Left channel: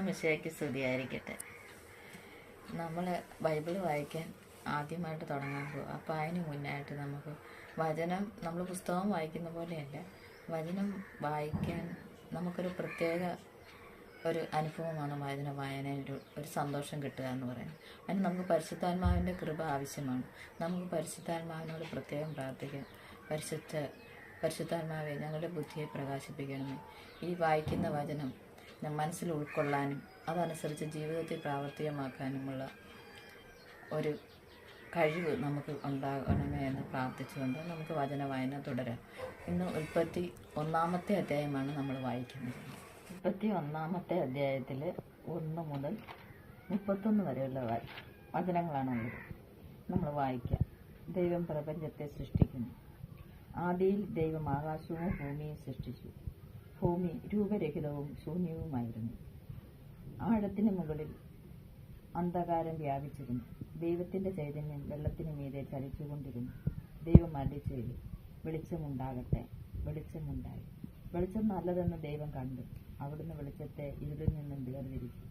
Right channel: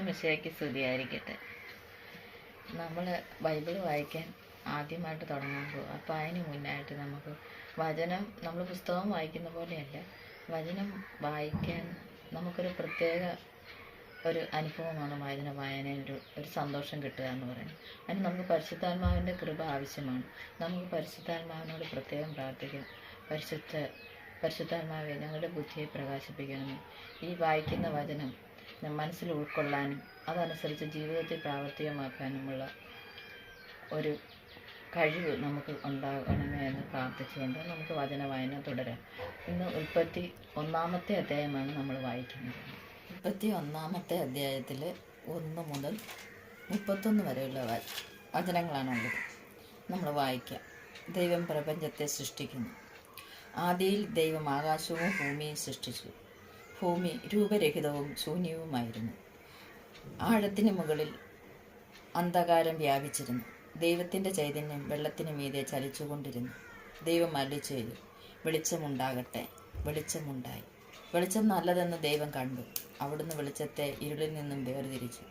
ഈശോമിശിഹായ്ക്ക് സ്തുതിയായിരിക്കട്ടെ. നമ്മൾ ബൈബിൾ വായിക്കാൻ ആദ്യമായിട്ട് തുടങ്ങാൻ പോകും. അപ്പോൾ അതിന് മുന്നായിട്ട് നമുക്ക് വചനം, നമ്മൾ പുസ്തകം വായിക്കുന്ന പോലെയല്ല, വചനം വായിക്കാൻ നമുക്കൊരു പ്രത്യേക ഒരു അനുഭവമാണ് വചന വായനയിൽ ഒരു സന്തോഷം കിട്ടുക എന്ന് പറയുന്നത്. അതിന് നമുക്ക് പരിശുദ്ധാത്മാവിൻ്റെ കൃപ ആവശ്യമാണ്. നമുക്ക് പരിശുദ്ധാത്മാവിനോട് പ്രത്യേകം പ്രാർത്ഥിക്കാം. പരിശുദ്ധാത്മാവെ, ഞങ്ങളുടെ ബുദ്ധിയെ പ്രകാശിപ്പിക്കണമേ. ഈ വായിക്കുന്ന വചനം മനസ്സിൽ ഉൾക്കൊള്ളാനും അതനുസരിച്ച് ജീവിതത്തിൽ പ്രാവർത്തികമാക്കാനുമുള്ള ഒരു കഴിവ് നമുക്ക് ഉണ്ടാകണമേ എന്ന് പ്രാർത്ഥിച്ചുകൊണ്ട് നമുക്ക് വചന വായന തുടരാം. ഇന്ന് 31-ാമത്തെ അധ്യായമാണ് നമ്മൾ വായിക്കുന്നത്. 31-ാമത്തെ അധ്യായത്തിൽ 1 മുതൽ 31 വരെയുള്ള വചനങ്ങളാണുള്ളത്. നമ്മൾ വായിക്കാം. ദൈവം പ്രപഞ്ചത്തെ സൃഷ്ടിക്കുന്നു. ആദിയിൽ ദൈവം ആകാശവും ഭൂമിയും സൃഷ്ടിച്ചു. ഭൂമി രൂപരഹിതവും ശൂന്യവുമായിരുന്നു. ആഴത്തിന് മുകളിൽ അന്ധകാരം വ്യാപിച്ചിരുന്നു. ദൈവത്തിൻ്റെ ചൈതന്യം വെള്ളത്തിന് മീതെ ചലിച്ചുകൊണ്ടിരുന്നു. ദൈവം അരുളിച്ചെയ്തു, വെളിച്ചമുണ്ടാകട്ടെ. വെളിച്ചമുണ്ടായി. വെളിച്ചം നല്ലതെന്ന് ദൈവം കണ്ടു. അവിടുന്ന് വെളിച്ചത്തെ ഇരുളിൽ നിന്നും വേർതിരിച്ചു.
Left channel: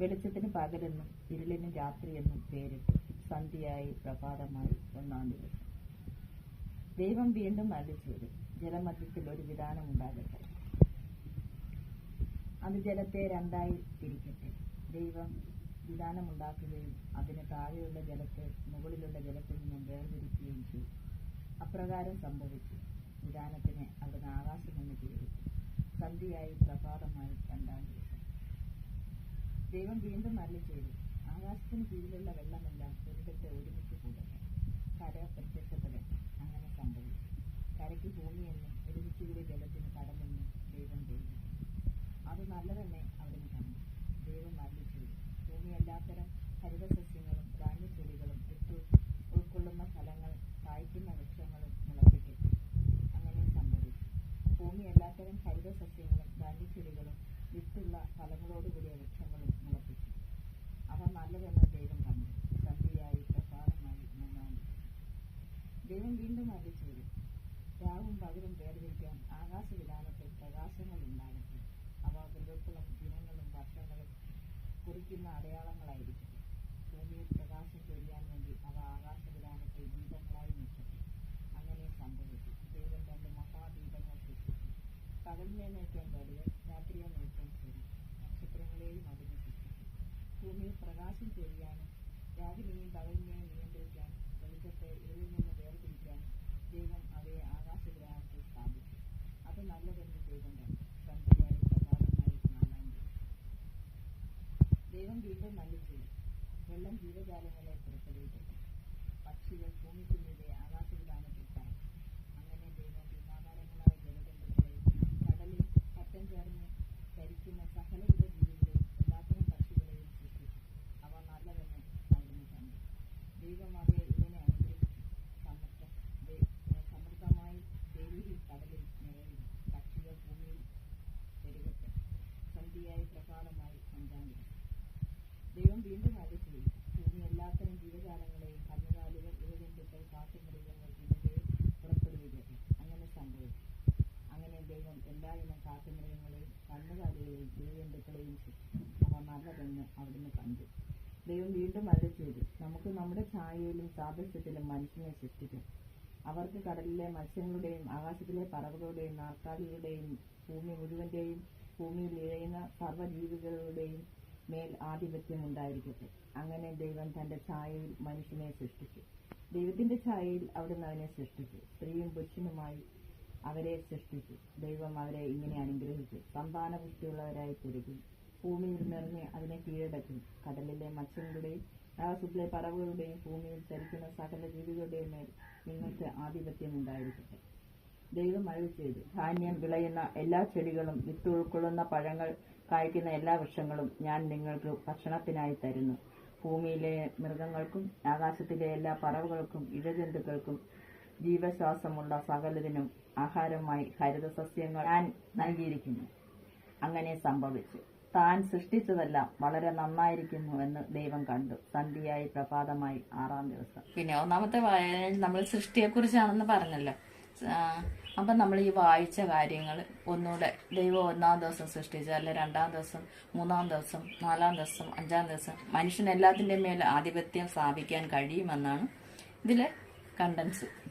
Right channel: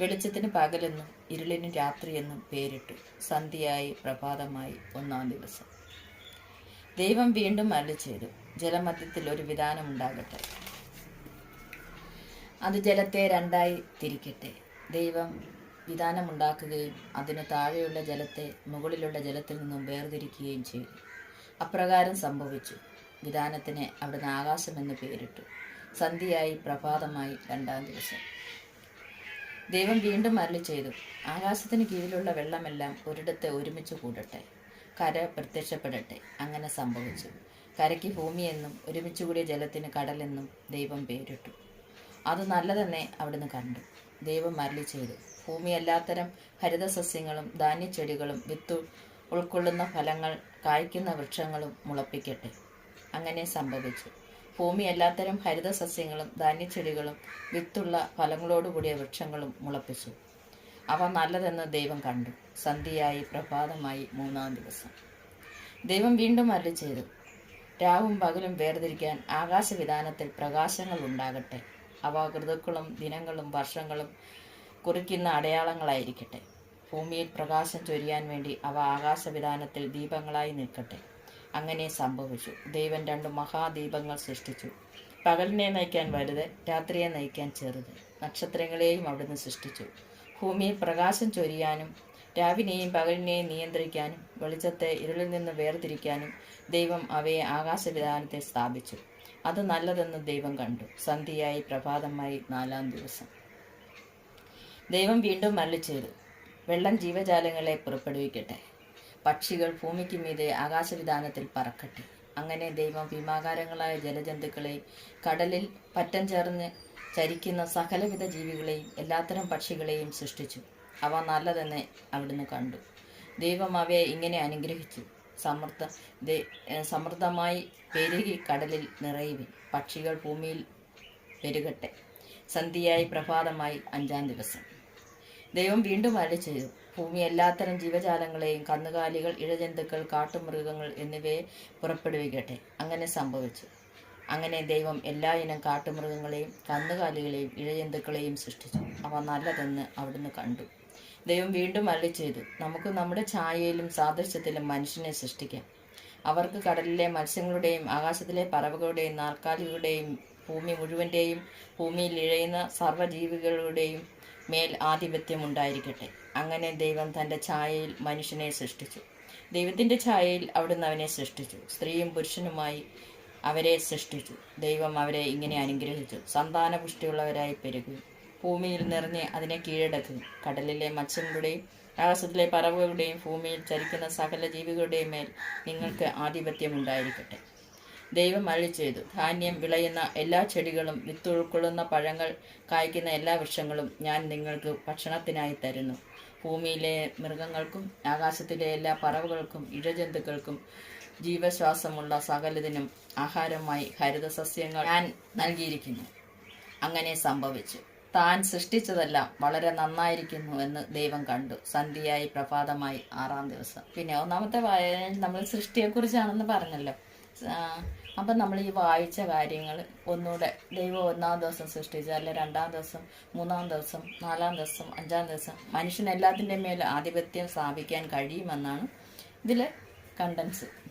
വെളിച്ചത്തിന് പകലെന്നും ഇരുളിന് രാത്രിയെന്നും പേരിട്ടു. സന്ധ്യയായി പ്രഭാതമായി 1-ാം ദിവസം. ദൈവം വീണ്ടും അരുളിച്ചെയ്തു, ജലമധ്യത്തിൽ ഒരു വിധാനമുണ്ടാകട്ടെ. അത് ജലത്തെ 2ആയി തിരിക്കട്ടെ. ദൈവം വിധാനമുണ്ടാക്കുകയും അതിന് താഴെയുള്ള ജലത്തെ മുകളിലുള്ള ജലത്തിൽ നിന്നും വേർതിരിക്കുകയും ചെയ്തു. അപ്രകാരം സംഭവിച്ചു. വിധാനത്തിന് അവിടുന്ന് ആകാശമെന്ന് പേരിട്ടു. സന്ധ്യയായി പ്രഭാതമായി 2-ാം ദിവസം. ദൈവം വീണ്ടും അരുളിച്ചെയ്തു, ആകാശത്തിന് കീഴിലുള്ള വെള്ളമെല്ലാം ഒരിടത്ത് ഒരുമിച്ച് കൂടട്ടെ. കര പ്രത്യക്ഷപ്പെടട്ടെ. അങ്ങനെ സംഭവിച്ചു. കരയ്ക്ക് ഭൂമിയെന്നും ഒരുമിച്ചുകൂടിയ ജലത്തിന് കടലെന്നും ദൈവം പേരിട്ടു. അത് നല്ലതെന്നേ അവിടുന്ന് കണ്ടു. ദൈവം അരുളിച്ചെയ്തു, ഭൂമി എല്ലാത്തരം ഹരിതസസ്യങ്ങളും ധാന്യച്ചെടികളും വിത്ത് ഉൾക്കൊള്ളുന്ന ഫലങ്ങൾ കായ്ക്കുന്ന വൃക്ഷങ്ങളും മുളപ്പിക്കട്ടെ. അങ്ങനെ സംഭവിച്ചു. ഭൂമി എല്ലാത്തരം ഹരിതസസ്യങ്ങളും ധാന്യച്ചെടികളും വിത്തുള്ള ഫലങ്ങളോടുകൂടിയ വൃക്ഷങ്ങളും മുളപ്പിച്ചു. അവ നല്ലതെന്ന് ദൈവം കണ്ടു. സന്ധ്യയായി പ്രഭാതമായി 3-ാം ദിവസം. ദൈവം വീണ്ടും അരുളിച്ചെയ്തു, രാവും പകലും വേർതിരിക്കാൻ ആകാശവിധാനത്തിൽ പ്രകാശങ്ങൾ ഉണ്ടാകട്ടെ. അവ ഋതുക്കളും ദിനങ്ങളും വർഷങ്ങളും കുറിക്കുന്ന അടയാളങ്ങളായിരിക്കട്ടെ. ഭൂമിയിൽ പ്രകാശം ചൊരിയാൻ വേണ്ടി അവ ആകാശവിധാനത്തിൽ ദീപങ്ങളായി നിൽക്കട്ടെ. അങ്ങനെ സംഭവിച്ചു. ദൈവം 2 മഹാദീപങ്ങൾ സൃഷ്ടിച്ചു. പകലിനെ നയിക്കാൻ വലുത്, രാത്രിയെ നയിക്കാൻ ചെറുത്. നക്ഷത്രങ്ങളെയും അവിടുന്ന് സൃഷ്ടിച്ചു. ഭൂമിയിൽ പ്രകാശം ചൊരിയാനും രാവിനെയും പകലിനെയും നിയന്ത്രിക്കാനും വെളിച്ചത്തെ ഇരുളിൽ നിന്ന് വേർതിരിക്കാനും ദൈവം അവയെ ആകാശവിധാനത്തെ സ്ഥാപിച്ചു. അത് നല്ലതെന്ന് ദൈവം കണ്ടു. സന്ധ്യയായി പ്രഭാതമായി 4-ാം ദിവസം. ദൈവം വീണ്ടും അരുളിച്ചെയ്തു, വെള്ളം ജീവജാലങ്ങളെ പുറപ്പെടുവിക്കട്ടെ. പക്ഷികൾ ഭൂമിക്ക് മീതെ ആകാശവിധാനത്തിൽ പറക്കട്ടെ. അങ്ങനെ ദൈവം ഭീമാകാരങ്ങളായ ജലജന്തുക്കളെയും കടലിൽ പറ്റം ചേർന്ന് ചരിക്കുന്ന സകലവിധ ജീവികളെയും എല്ലാത്തരം പക്ഷികളെയും സൃഷ്ടിച്ചു. അവ നല്ലതെന്ന് അവിടുന്ന് കണ്ടു. ദൈവം അവയെ ഇങ്ങനെ അനുഗ്രഹിച്ചു, സമൃദ്ധമായി പെരുകി കടലിൽ നിറയുവിൻ. പക്ഷികൾ ഭൂമിയിൽ പെരുകട്ടെ. സന്ധ്യയായി പ്രഭാതമായി 5-ാം ദിവസം. ദൈവം വീണ്ടും അരുളിച്ചെയ്തു, ഭൂമി എല്ലാത്തരം ജീവജാലങ്ങളെയും കന്നുകാലികൾ, ഇഴജന്തുക്കൾ, കാട്ടുമൃഗങ്ങൾ എന്നിവയെ പുറപ്പെടുവിക്കട്ടെ. അങ്ങനെ സംഭവിച്ചു. അങ്ങനെ ദൈവം എല്ലാ ഇനം കാട്ടുമൃഗങ്ങളെയും കന്നുകാലികളെയും ഇഴജന്തുക്കളെയും സൃഷ്ടിച്ചു. അവ നല്ലതെന്ന് അവിടുന്ന് കണ്ടു. ദൈവം വീണ്ടും അരുളിച്ചെയ്തു, നമുക്ക് നമ്മുടെ ഛായയിലും സാദൃശ്യത്തിലും മനുഷ്യനെ സൃഷ്ടിക്കാം. അവർക്ക് കടലിലെ മത്സ്യങ്ങളുടെയും ആകാശത്തിലെ പറവകളുടെയും നാൽക്കാലികളുടെയും ഭൂമി മുഴുവൻ്റെയും ഭൂമിയിൽ ഇഴയുന്ന സർവ്വജീവികളുടെയും മേൽ ആധിപത്യം ഉണ്ടായിരിക്കട്ടെ. അങ്ങനെ ദൈവം തൻ്റെ ഛായയിൽ മനുഷ്യനെ സൃഷ്ടിച്ചു. ദൈവത്തിൻ്റെ ഛായയിൽ അവിടുന്ന് അവനെ സൃഷ്ടിച്ചു. സ്ത്രീയും പുരുഷനുമായി അവരെ സൃഷ്ടിച്ചു. ദൈവം അവരെ ഇങ്ങനെ അനുഗ്രഹിച്ചു, സന്താനപുഷ്ടിയുള്ളവരായി പെരുകും. ഭൂമിയിൽ നിറഞ്ഞ് അതിനെ കീഴടക്കും. കടലിലെ മത്സ്യങ്ങളുടെയും ആകാശത്തിലെ പറവകളുടെയും ഭൂമിയിൽ ചരിക്കുന്ന സകല ജീവികളുടെയും മേൽ നിങ്ങൾക്ക് ആധിപത്യം ഉണ്ടായിരിക്കട്ടെ. ദൈവം അരുളിച്ചെയ്തു, ധാന്യം വിളയുന്ന എല്ലാ ചെടികളും വിത്ത് ഉൾക്കൊള്ളുന്ന പഴങ്ങൾ കായ്ക്കുന്ന എല്ലാ വൃക്ഷങ്ങളും ഞാൻ നിങ്ങൾക്ക് ഭക്ഷണത്തിനായി തരുന്നു. ഭൂമിയിലെ മൃഗങ്ങൾക്കും ആകാശത്തിലെ എല്ലാ പറവകൾക്കും ഇഴജന്തുക്കൾക്കും ജീവശ്വാസമുള്ള സകലതിനും ആഹാരമായി ഹരിതസസ്യങ്ങൾ ഞാൻ നൽകിയിരിക്കുന്നു. അങ്ങനെ സംഭവിച്ചു. താൻ സൃഷ്ടിച്ചതെല്ലാം വളരെ നന്നായിരിക്കുന്നു എന്ന് ദൈവം കണ്ടു. സന്ധ്യയായി പ്രഭാതമായി 6-ാം ദിവസം. പിന്നെ 1-ാമത്തെ വായനയിൽ നമ്മൾ സൃഷ്ടിയെക്കുറിച്ചാണെന്ന് പറഞ്ഞല്ലോ. അപ്പം നമ്മൾ ഈ വായിച്ച കാര്യങ്ങൾ ഒന്നുകൂടെ ദൈവം ഒന്നാം ദിവസം സൃഷ്ടിച്ചു, അല്ലെ രണ്ടാം ദിവസം, മൂന്നാം ദിവസം, നാലാം ദിവസം, അഞ്ചാം ദിവസം മനുഷ്യന് എല്ലാത്തിൻ്റെ മേൽ ആധിപത്യം സ്ഥാപിക്കാൻ കഴിയുമെന്നാണ് ഇതിലെ കണ്ടൻസ്.